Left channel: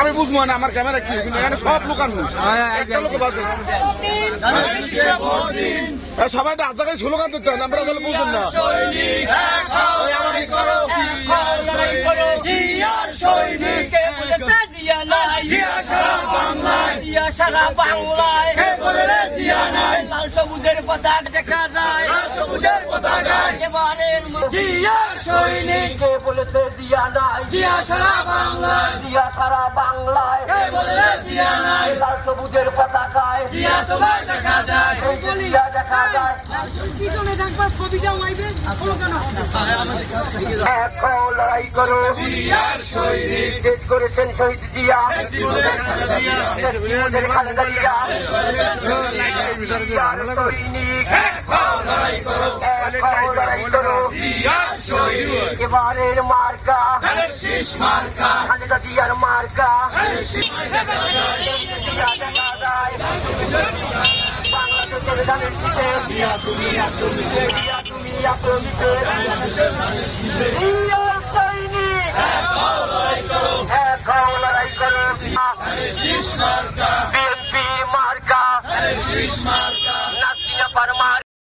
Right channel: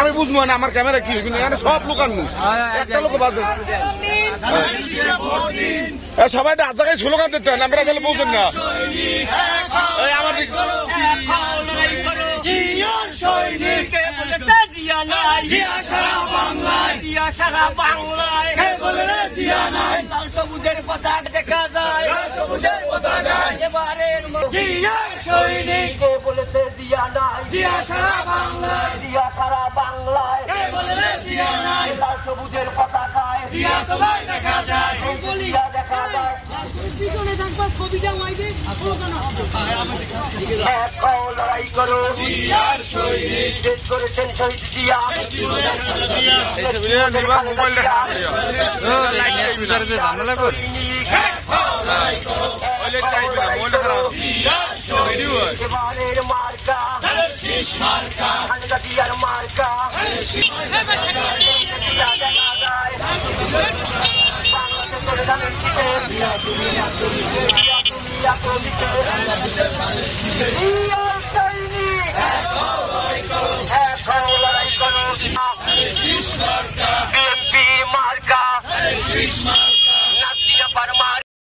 আমি বুঝবো না আমার ক্যামেরা কি কিন্তু এখানে সব লোকাল সবাই এক জায়গায় স্লোগান দিতে হয় আমরা আসলে বুঝুন না সারা বাংলায় লাল সবুজের পতাকা দেখা যায় এবারের সৈনিক বলেছে জিয়া নাই জিয়া সারা বাংলায় জিয়া সারা বাংলায় লাল সবুজের পতাকায় জিয়া তোমার দেখা যায় জিয়া দেখা যায় পিছনে দেখবা ছবিটা আইবে লড়াই করো জিয়ার সৈনিক দেশ করেছেন শহীদ জিয়া এবারের মার্কা খালেদা জিয়ার মার্কা দেখা যায় বাংলাদেশের ধানের মার্কা নাসিনা পারমার